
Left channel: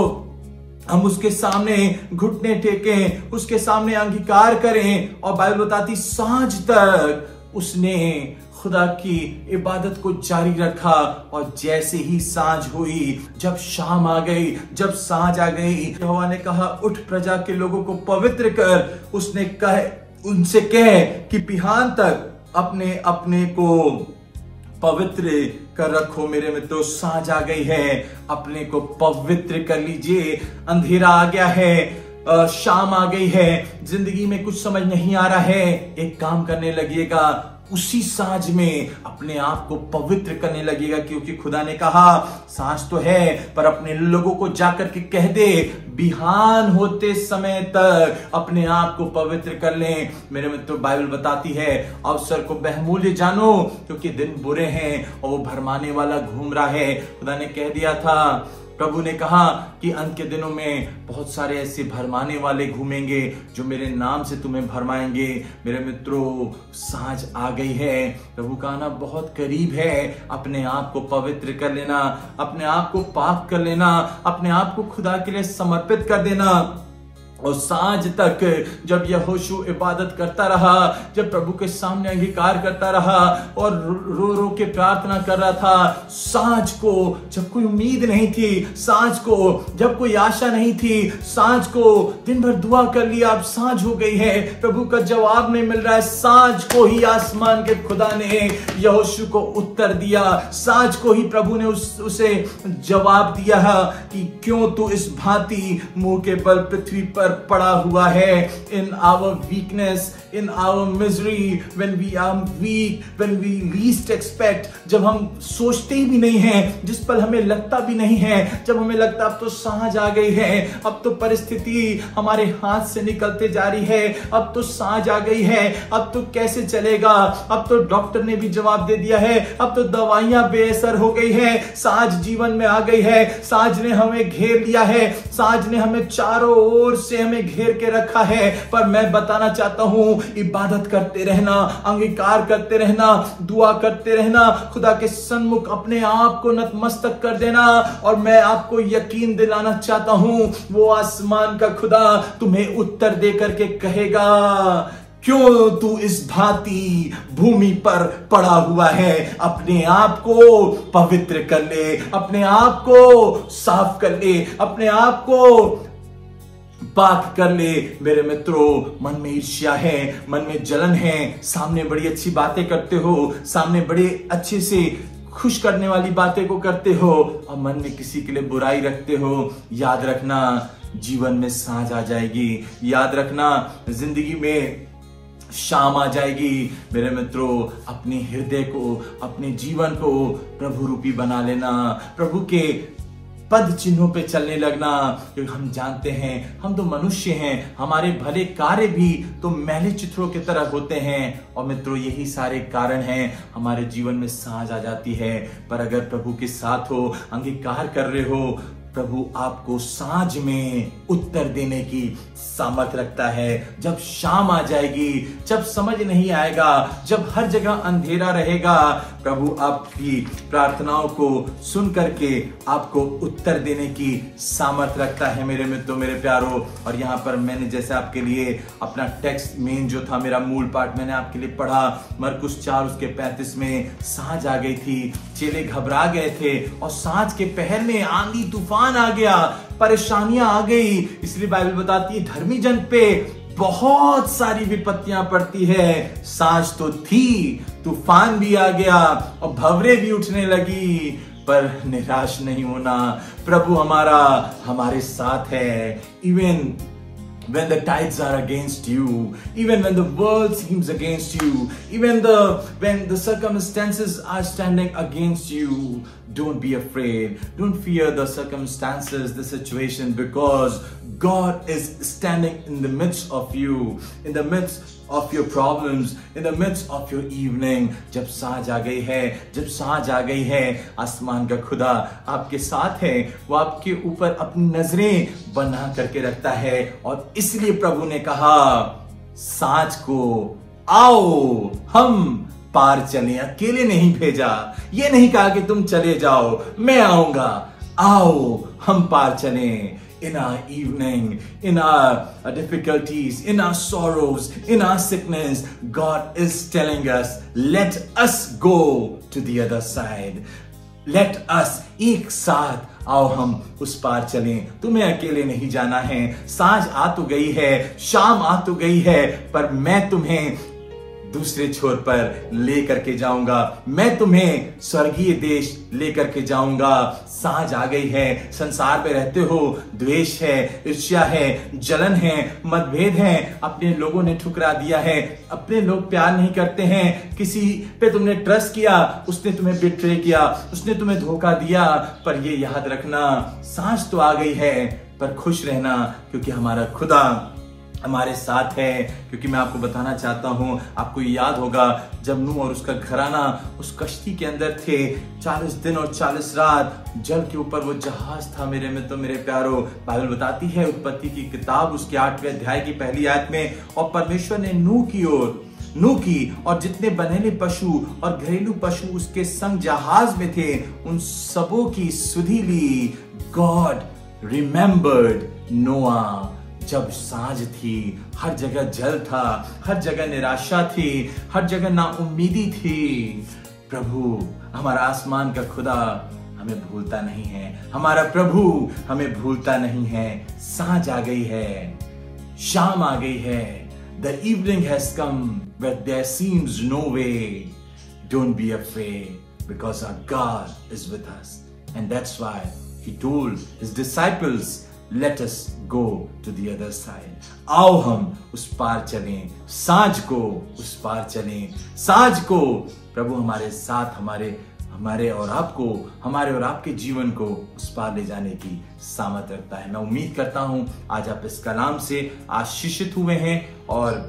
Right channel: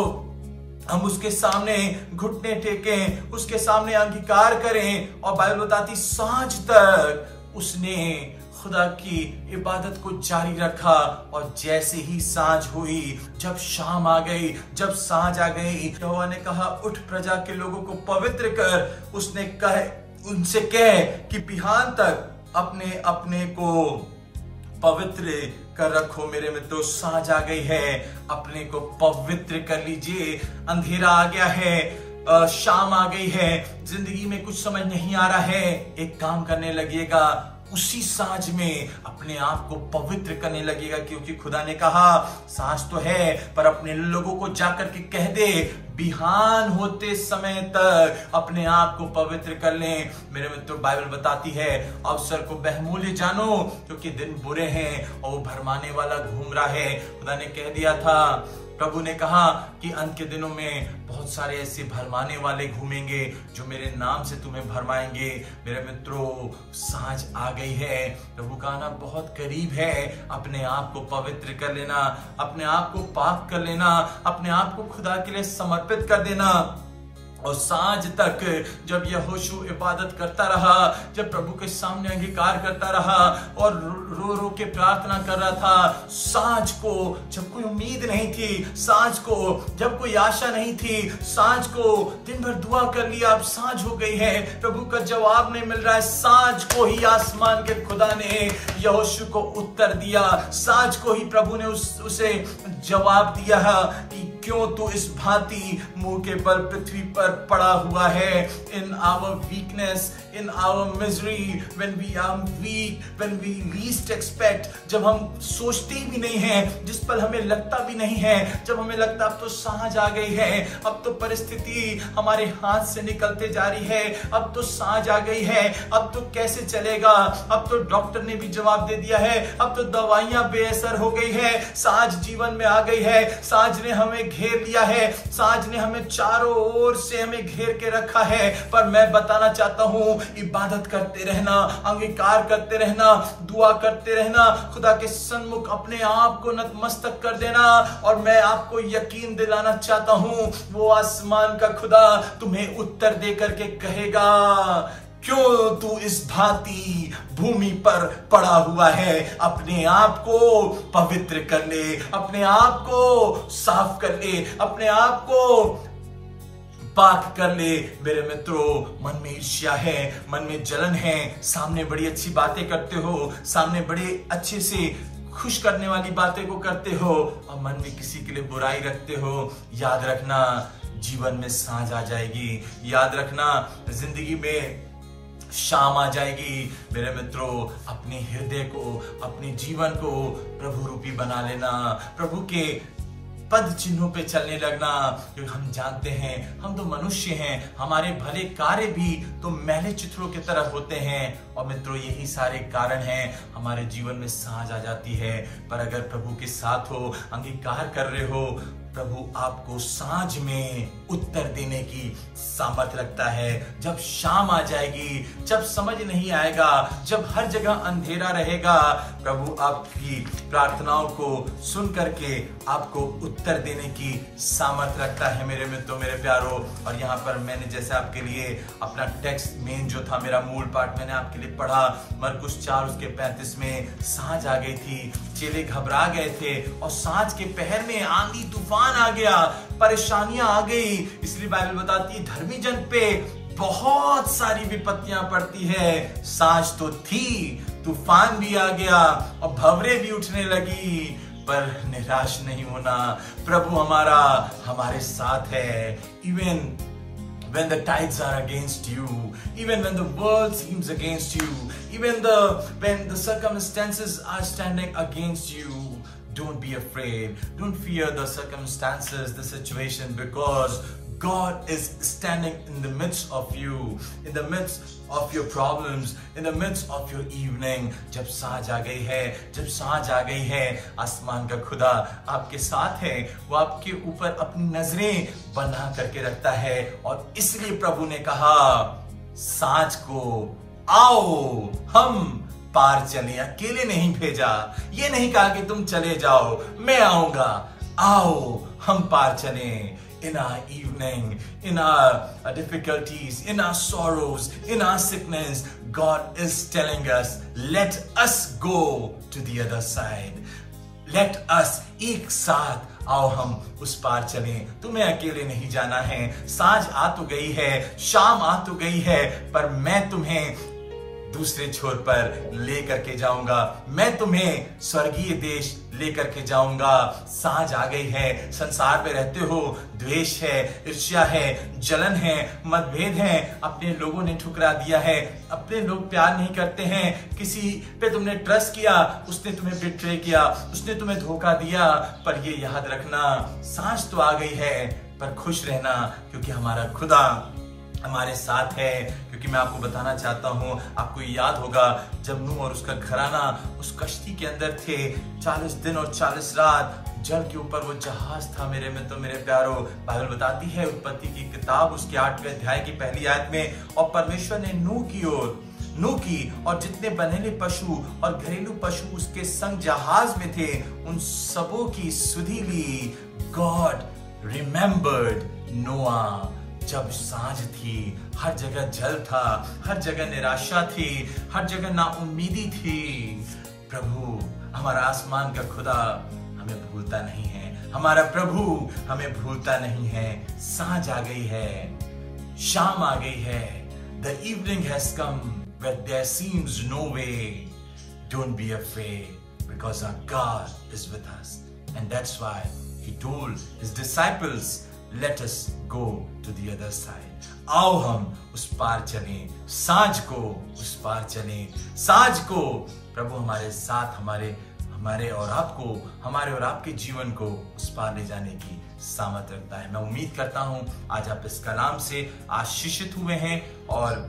हम उसके सामने घुटने टेकें, उसके सामने अंगीकार करें। और बाइबल बताती सांझ तक उसने खुदा की इबादत को जारी रखा। और जैसे ही सांझ हुई, जब शाम आ गई, जब सांझ आ गई, यहोवा ने कहा, उठ प्रजा के लोगों को पवित्र कर। उसने उनसे कह कि बिहान तक अपने अपने को पवित्र कर रखो। मेरे मित्रों, सांझ आ गई है, अपने को पवित्र कर लीजिए। अंधेरा आ गया है, शाम आ गई है, जिंदगी में कुछ समझ नहीं आ रहा है, एक काम करने लगिएगा, उसी सांझ में अपने आप को पवित्र करने लगेगा। क्योंकि खुदा ने कहा सांझ तो है, पर अपने लोगों को जाकर के कह दे, बिहान होते समय तक अपने आप को पवित्र कर लें। मेरे मित्रों, बाइबल बताती है, अवसर को बहुमूल्य जानो, क्योंकि दिन बुरे हैं और वो भरमाने वाला घूम रहा है। खुदा ने कह दिया था, प्रभु ने कहा कि अंत के दिनों में बहुत सारे ऐसे भरमाने वाले घूमेंगे जो मेरे नाम से तुम्हें भरमाएंगे। मेरे मित्रों, सांझ आ गई है, प्रभु का आना बहुत करीब है। अपने आप को पवित्र कर लेना, अपने आप को पाक कर लेना, अपने आप को खुदा के लिए समर्पित कर देना। और सांझ तक जब यहोशू इबादत करता रहा, जब प्रभु के सामने अंगीकार करता रहा और रो रो के प्रार्थना कर रहा था, सांझ को जब कोई उम्मीद नहीं थी, सांझ को जब कोई आशा नहीं थी, सांझ को दिन भर दुआ कर लिया, अब सांझ हो गई है, प्रभु का जवाब नहीं मिल रहा है, सांझ को ही आसमान के खुदा ने यहोशू को उत्तर दिया। सांझ को ही प्रभु ने उसे जवाब दिया कि क्यों तू इस भांति मुंह के बल पृथ्वी पर पड़ा हुआ है। In our weakness, in our misery, when we are weak, when we least expect, जब हम सोचते ही भी नहीं है, जिस पल हमें लगता भी नहीं है, जब हमें लगता अब तो सांझ आ गई है, अब तो परिस्थिति हमारे हाथ से निकलते जा रही है, अब तो सांझ आ गई है, अब तो कैसे चलेगा, अब तो डॉक्टर ने भी जवाब दे दिया है, अब तो दवाइयां बेअसर हो गई है, सांझ जीवन में आ गई है, सांझ ने हमें घेर लिया है, सांझ ने हमें चारों ओर से से हमें घेर के रखा है, पर मैं बताना चाहता हूं, इबादत करते रहना, अंगीकार करते रहना, दुआ करते रहना, खुदा के सन्मुख अपने आप को नतमस्तक कर देना। और मैं आपको यकीन दिलाना चाहता हूं, वो आसमान का खुदा तुम्हें उत्तर दे करके कहेगा, क्यों तू इस भांति भूमि पर पड़ा हुआ है? अपने आप को पवित्र कर ले, अपने आप को साफ कर ले, अपने आप को पाक कर ले। मेरे मित्रों, मन में ईर्ष्या है, मन में जलन है, सामने बड़ी अच्छी बातें करते हो, सामने बड़े अच्छे से खुश करने वाली बातें को करते हो और मन में किसी के लिए बुराई रखते हो। याद रखना, जीवन में सांझ आ जाएगी। याद रखना, जिंदगी में शाम आ जाएगी। मेरे मित्रों, अपने हृदय को, अपने जीवन को प्रभु रूपी बना लेना, प्रभु के पद चिन्हों पे चलने लगना, क्योंकि हम जानते हैं हम तो मनुष्य हैं, हमारे भले कार्य भी तो मैले चित्रों की तरह होते हैं। और मित्रों, यही सारे कारण हैं हमारे जीवन में सांझ आ जाती है। पर अगर प्रभु के साथ हो, अंगीकार कर रहे हो, प्रभु आपको सांझ में उत्तर देने की सामर्थ्य रखता है। जब शाम आ जाएगी, जब समझ नहीं आएगा, जब हर जगह अंधेरा रहेगा, प्रभु आपकी प्रार्थनाओं को सुन करके आपको उत्तर देने की सामर्थ्य रखता है। मेरे मित्रों, मेरे प्यारों, और यहाँ पर मैंने जैसे आपके लिए अपना टेक्स्ट मेन जो था, मेरा मूल पाठ मैंने आपके लिए पढ़ा, मरकुस 4:35 में सांझ आ गई थी, चेले घबरा गए थे और सांझ के पहर में आंधी तूफान आ गया, परेशानियां आ गई। इसलिए बाइबल बताती है धर्मी जन पे बहुत सारी विपत्तियां पड़ती है। सांझ तो थी, तूफान भी आ गया और भंवरे भी उठने लगी, पर निराश नहीं होना। प्रभु हमारा हमारे साथ है। Even when the tides are against you, even when the world seems against you, even when the circumstances are standing against you, don't be afraid. Don't fear the circumstances, the situation, because God is standing in the midst of you, in the midst of your problems, in the midst of your evening. जब सांझ आ गई है, जब सांझ आ गई है, आसमान का खुदा आपके साथ है। वो आपके ऊपर अपनी नजरें बना करके रखता है। और इसलिए प्रभु ने कहा, सांझ को आओ हम पार चलें। अकेले नहीं भेजा, ये नहीं कहा कि तुम चले जाओ, मैं आऊंगा। आओ हम पार चलें। In our evening, in our difficulties, in our sorrows, in our sickness, God is telling us, let us go to the other side. Let us, एक साथ आओ हम उस पार चलें। तुम्हें अकेले नहीं जाना है। सांझ आ तो गई है, शाम आ तो गई है, पर मैं तुम्हें दूसरे छोर पर ले करके जाऊंगा। मैं तुम्हें स्वर्गीय देश ले करके जाऊंगा। सांझ आ गई है। संसार में रहते हो, द्वेष है, ईर्ष्या है, जलन है, मतभेद है, अपने लोगों ने ठुकरा दिया है, अपने लोग प्यार नहीं करते हैं, किसी पे तुमने ट्रस्ट किया, उसने तुम्हें बिट्रे किया, उसने तुम्हें धोखा दिया। पर ये याद रखना, सांझ तो आ गई है, पर खुश रहना, क्योंकि हमारा खुदा हमारे साथ है। क्योंकि मैं आपको बताना चाहता हूं, आपको याद होगा जब नूह और उसका घराना उस कश्ती के अंदर थे, 40 दिन और 40 रात जल के ऊपर वो जहाज था। मेरे मित्रों, मेरे प्यारों, बाइबल बताती है उत्पत्ति की किताब उसके 8वें अध्याय की पहली आयत में, और परमेश्वर ने नूह की और जितने बनेले पशु और घरेलू पशु उसके संग जहाज में थे, उन सबों की सुधि ली। गॉड रिमेम्बर्ड नोआ। जब सांझ थी, हर जगह जल था, हर जगह निराशा थी, हर जगह नाउम्मीदी थी, प्रभु हमारा आसमान का खुदा हमें भूलता नहीं है। हमारा प्रभु हमें भूलता नहीं है। सांझ आ गई है, शाम आ गई है। The evening has come where there seems no way. Don't be afraid, because our God is with us. And that's why he told his disciples, let us go to the other side. आओ हम उस पार चलें। सांझ को उस पार चलें। सांझ को प्रभु हमारे साथ, हमारे और आपके जीवन को उस पार ले जाने की सामर्थ्य रखता है। मैं उम्मीद करता हूं आज आप इस कलाम से आशीषित हुए हैं और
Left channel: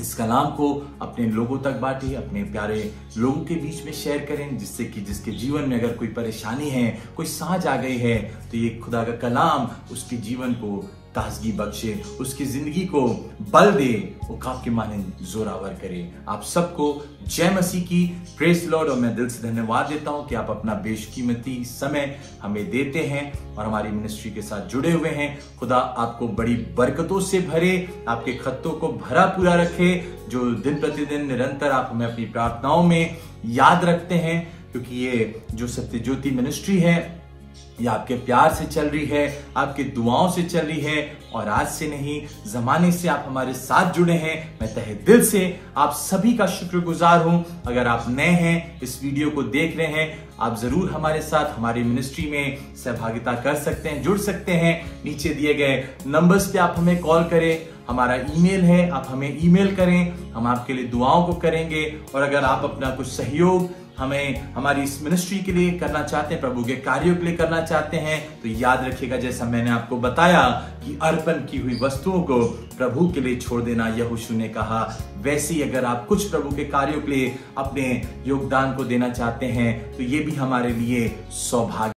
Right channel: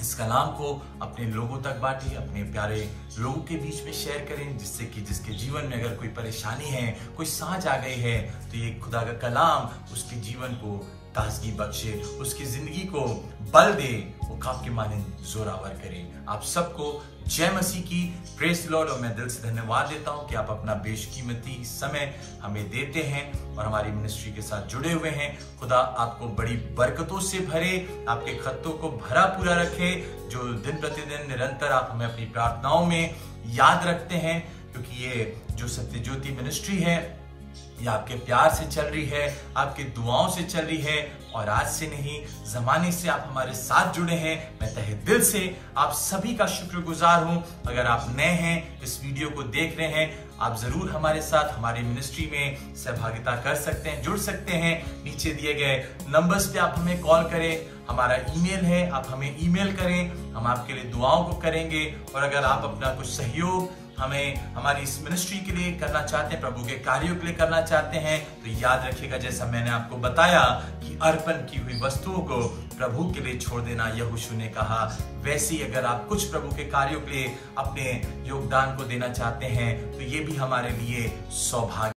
इस कलाम को अपने लोगों तक बांटें, अपने प्यारे लोगों के बीच में शेयर करें, जिससे कि जिसके जीवन में अगर कोई परेशानी है, कोई सांझ आ गई है, तो ये खुदा का कलाम उसके जीवन को ताजगी बख्शे, उसकी जिंदगी को बल दे, वो काफ के माने जोरावर करे। आप सबको जय मसीह की, प्रेज द लॉर्ड। और मैं दिल से धन्यवाद देता हूं कि आप अपना बेशकीमती समय हमें देते हैं और हमारी मिनिस्ट्री के साथ जुड़े हुए हैं। खुदा आपको बड़ी बरकतों से भरे, आपके खत्तों को भरा पूरा रखे, जो दिन प्रतिदिन निरंतर आप हमें अपनी प्रार्थनाओं में याद रखते हैं, क्योंकि ये जो सत्य ज्योति मिनिस्ट्री है ये आपके प्यार से चल रही है, आपके दुआओं से चल रही है, और आज से नहीं, जमाने से आप हमारे साथ जुड़े हैं। मैं तहे दिल से आप सभी का शुक्रगुजार हूं। अगर आप नए हैं, इस वीडियो को देख रहे हैं, आप जरूर हमारे साथ हमारी मिनिस्ट्री में सहभागिता कर सकते हैं, जुड़ सकते हैं। नीचे दिए गए नंबर्स पे आप हमें कॉल करें, हमारा ईमेल है, आप हमें ईमेल करें, हम आपके लिए दुआओं को करेंगे। और अगर आप अपना कुछ सहयोग हमें हमारी इस मिनिस्ट्री के लिए करना चाहते हैं, प्रभु के कार्यों के लिए करना चाहते हैं, तो याद रखिएगा, जैसा मैंने आपको बताया कि अर्पण की हुई वस्तुओं को प्रभु के लिए छोड़ देना यहोशू ने कहा। वैसे ही अगर आप कुछ प्रभु के कार्यों के लिए अपने योगदान को देना चाहते हैं, तो ये भी हमारे लिए सौभाग्य